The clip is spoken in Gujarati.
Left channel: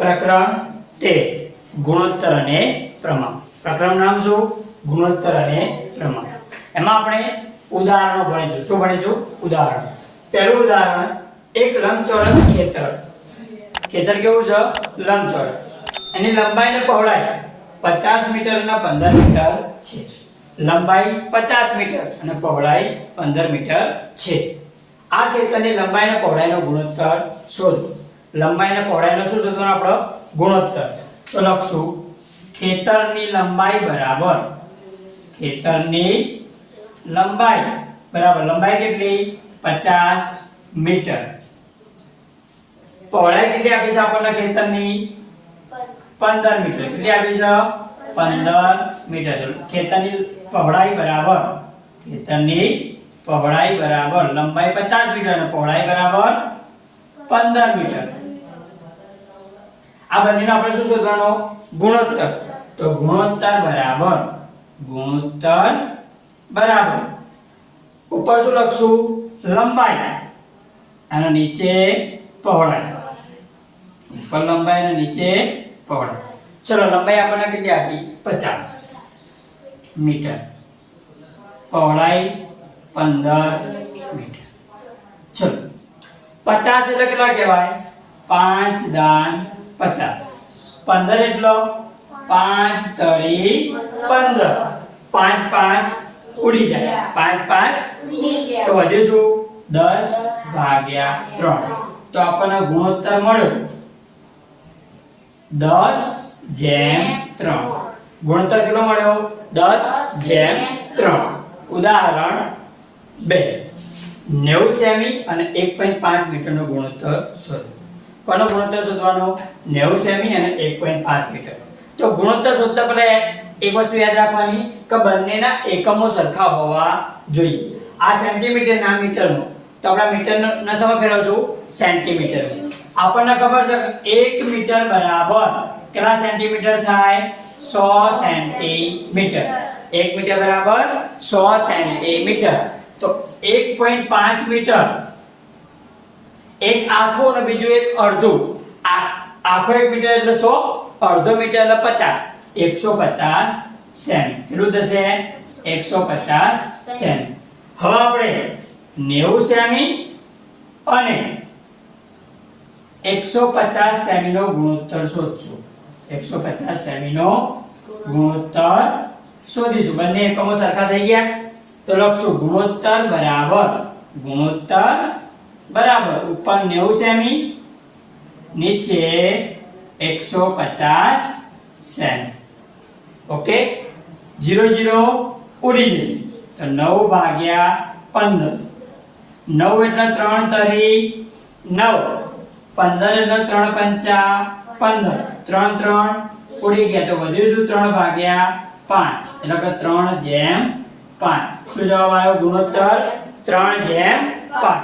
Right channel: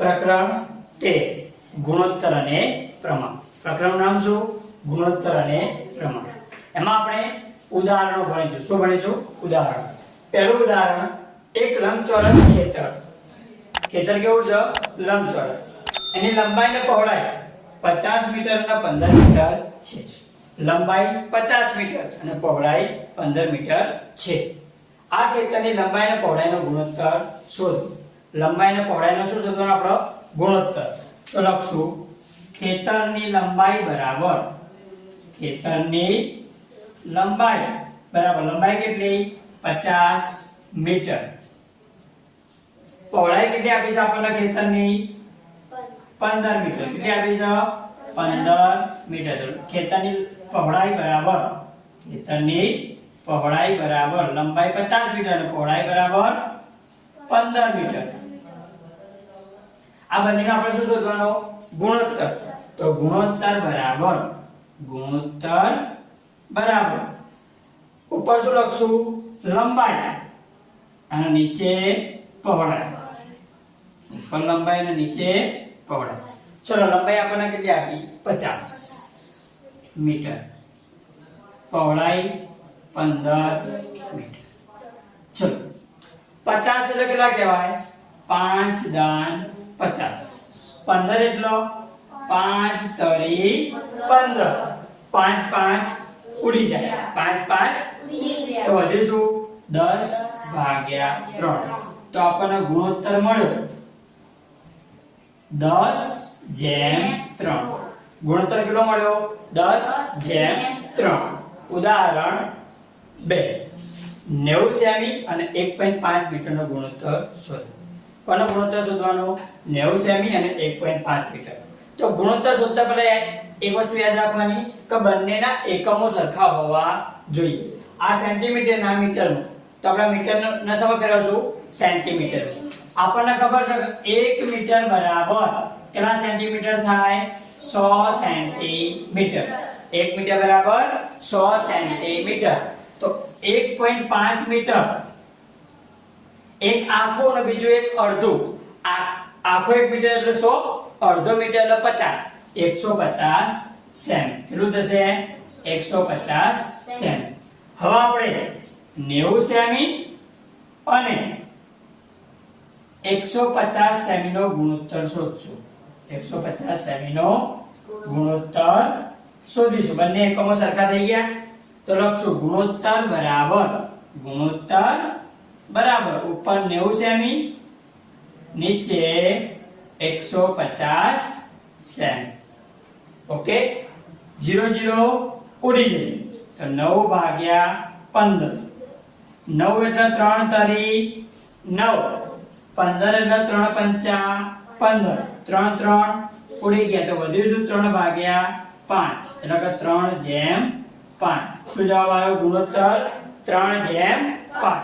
પ્રકરણ તેર ગુણોત્તર અને પ્રમાણ. પ્રકરણ નામ શું? ગુણોત્તર અને પ્રમાણ. એમાં આપણે ઉદાહરણો ભણીશું. શું ભણીશું? ઉદાહરણ. પહેલું ઉદાહરણ, એક લંબચોરસ ખેતર. ખેતર કેવું છે? લંબચોરસ. એની લંબાઈ ને પહોળાઈ 50 મીટર અને 15 મીટર છે. લંબાઈ 50 મીટર અને પહોળાઈ 15 મીટર છે. આ ખેતરની લંબાઈ અને પહોળાઈનો ગુણોત્તર શોધો. લંબાઈ અને પહોળાઈનો શું શોધવાનો આપણો ગુણોત્તર. તો લખશું, ખેતરની લંબાઈ બરાબર. ખેતરની લંબાઈ. બરાબર, લંબાઈ કેટલી? 50 મીટર. પહોળાઈ કેટલી આપી છે આપણને ખેતરની? 15 મીટર. કેટલી આપી છે? 15 મીટર. ખેતરની પહોળાઈ બરાબર. ખેતરની પહોળાઈ બરાબર. લંબાઈ 50 મીટર અને પહોળાઈ બરાબર 15 મીટર. આ બંનેનો આપણે શું શોધવાનો? ગુણોત્તર. તો ગુણોત્તર બરાબર ગુણોત્તર બરાબર. ઉપર શું લખશું? લંબાઈ. અને નીચે પહોળાઈ. ઉપર લંબાઈ અને નીચે પહોળાઈ. ચલો, લંબાઈ આપણને કેટલી આપી? 50 મીટર. પહોળાઈ 15 મીટર. ચલો. 50 એટલે કેટલા કહેવાય? 5 દાન 50 15 એટલો? પાંચ તરી 15 5 5 ઉડી જાય. 5 5 તો વધ્યું શું? દસ ભાગ્યા ત્રણ. તો આપણને ગુણોત્તર મળ્યો. દસ જેમ ત્રણ. ગુણોત્તર કેટલો મળ્યો? દસ જેમ ત્રણ. ઉદાહરણ 2 90 સેમી અને 1.5 મીટરનો ગુણોત્તર શોધો. કોનો ગુણોત્તર શોધવાનો? 90 સેમી અને 1.5 મીટર. તો ગુણોત્તર શોધતા પહેલા એક વસ્તુ યાદ રાખવાની કે બંનેના એકમો સરખા હોવા જોઈએ. આ સેન્ટીમીટર ના મીટરનો, તો આપણા મીટર ન સમય ફેરવશું સેન્ટીમીટર આપણને ખબર છે કે એક મીટર બરાબર કેટલા સેન્ટીમીટર થાય? 100 સેન્ટીમીટર એક મીટર બરાબર 100 સેન્ટીમીટર તો 1.5 મીટર એક આખું અને બીજું એક અડધું. આખો એક મીટર એટલે સો, અડધો મીટર એટલે 50 150 સેમી. કેટલું થશે? 150 સેમી. હવે આપણે 90 સેમી અને 150 સેમીનો ગુણોત્તર શોધશું. 150 સેમીનો ગુણોત્તર શોધીશું. બંને એકમો સરખા થઈ ગયા. તો લખશું ગુણોત્તર બરાબર ગુણોત્તર બરાબર. ઉપર 90 સેમી નીચે 150 સેમી ઓકે? 0 0 ઉડી જશે. તો 9 ભાગ્યા 15 9 એટલે 3 તરી 9 15 એટલે 3 પંચા 15 3 3 ઉડી ગયા. તો વધ્યું શું? 3 ભાગ્યા 5 એટલે કે 3 જેમ 5 શું જવાબ આવ્યો? ગુણોત્તર 3 જેમ 5